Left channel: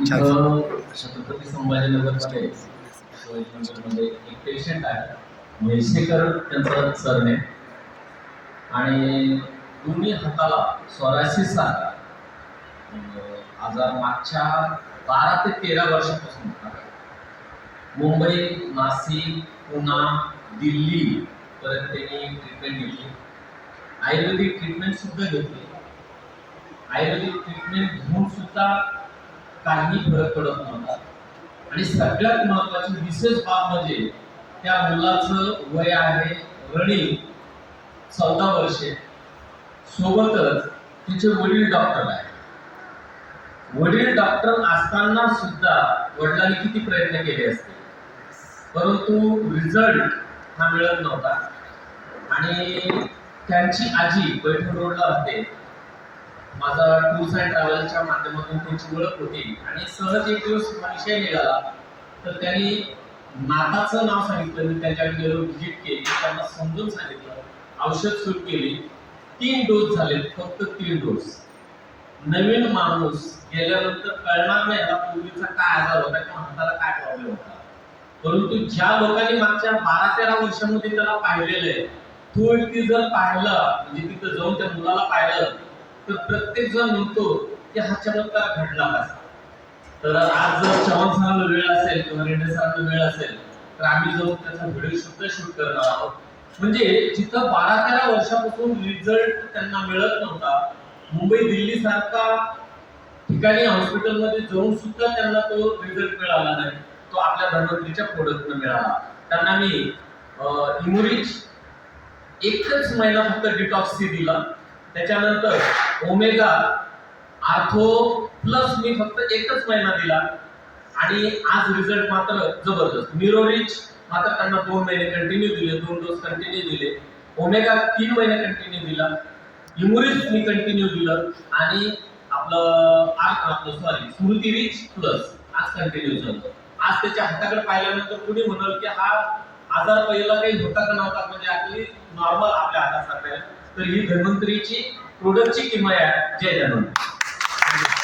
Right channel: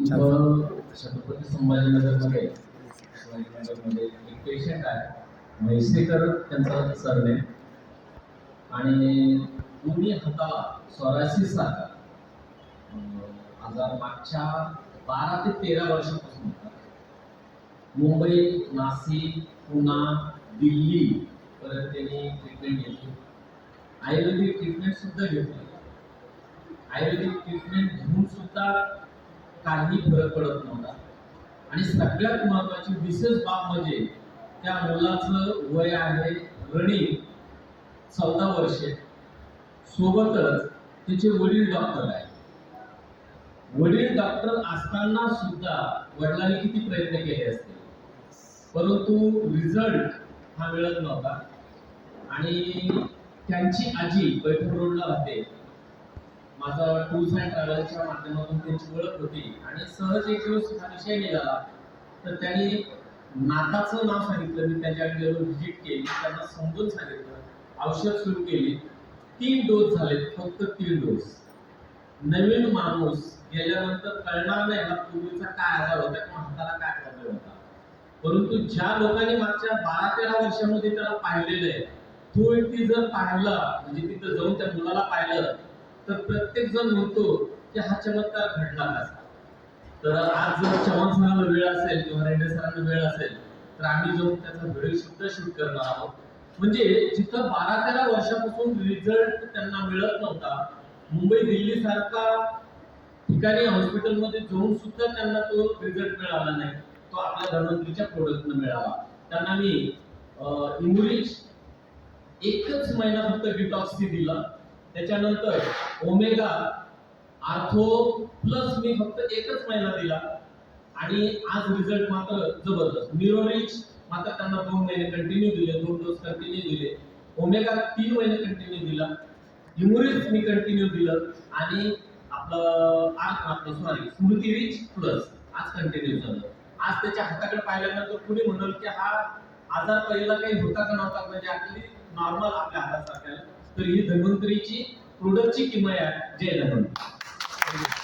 छत्रपती संभाजीनगरमध्ये शिवाजीनगरमध्ये एक पेशंट आहे, म्हैसेकर त्यांचा सरनेम, आणि दोन्ही हाताला सोरायसिस सारखा आजार मागच्या 12 ते 13 वर्षापासून होता. मुंबई, नाशिक, पुणे, दिल्ली पर्यंत त्यांनी ट्रीटमेंट घेतली. आयुर्वेदिक ट्रीटमेंट सुद्धा घेतली. आयुर्वेदिक ट्रीटमेंट घेऊन सुद्धा काही फरक पडत नव्हता. आणि सगळ्यात महत्त्वाची विशेष बाब म्हणजे त्या मुलाचं वय आहे रनिंग 14 वर्षे, सोबतच तिचे वडील डॉक्टर आहे. वडील डॉक्टर असताना सुद्धा वडिलांनी किती प्रयत्न केले असते, परंतु रिझल्ट हा मिळत नव्हता. आणि त्यांची आजी पैठण रोडला राहते. माझा टूर्स अँड ट्रॅव्हल्सच्या माध्यमातून त्यांची ओळख होती आणि सहज एक दिवस विषय निघाला, तर त्यांनी नाताचं नाव सांगितलं. मी त्यांच्याकडे गेलो, व्हिजिट केली, त्यांना समजून सांगितलं, औषध सुरू केली. 3 डोस झाले, फक्त 3 डोस. नवीन माणूस गेल्यानंतर कळणार नाही याला पूर्वीचा काय आजार होता किंवा हाताला काय प्रॉब्लेम होता. परंतु ज्या लोकांनी मागच्या 12-13 वर्षांमध्ये त्याला पाहिलेलं आहे, तो व्यक्ती जर पाहिला, म्हणजे तिथं जाऊन त्या मुलाला पाहिलं, तर प्रत्येक जण म्हणतो की हा चमत्कार घडला कसा. तर आज जर चव्हाण सरांना वेळ असेल किंवा रेंडे सरांना वेळ असेल, तर आम्ही जाऊन त्याचा व्हिडिओ सुद्धा शूट करणार आहोत. म्हणजे जिथं 12-13 वर्षापासून रिझल्ट त्यांना मिळत नव्हता, मुंबई दिल्ली सारखा ठिकाणी हॉस्पिटलमध्ये जाऊन सुद्धा त्यांना तो रिझल्ट मिळाला नाही, तो आपल्या धन्वंतरीच्या प्रोडक्टनं मिळाला. त्यांना मी इम्युरिच एकच महिना फक्त डिटॉक्स सी दिला. त्याच्यानंतर ओमेगा आर्थो प्लस मी फक्त एकच महिना दिला आणि आज रिझल्ट मात्र जबरदस्त. मिरोरिच मात्र त्यांना 2 महिने कंटिन्यू दिले, 2 डोस कंटिन्यू दिले. ओमेगा 3 महिने कंटिन्यू दिला. इम्युरिच मी कंटिन्यू दिलं आणि आपलं स्मृती रिच प्लस आज कंटिन्यू झालं. आज त्याच्या हाताकडे पाहिल्यानंतर कुणी म्हणाल की हा आजार पहिला काही होता का नव्हता, म्हणजे आपली नॉर्मल आपल्या हातासारखं आहे. तर ही धन्वंतरीची प्रोडक्टची किंमत आहे. जय धन्वंतरी.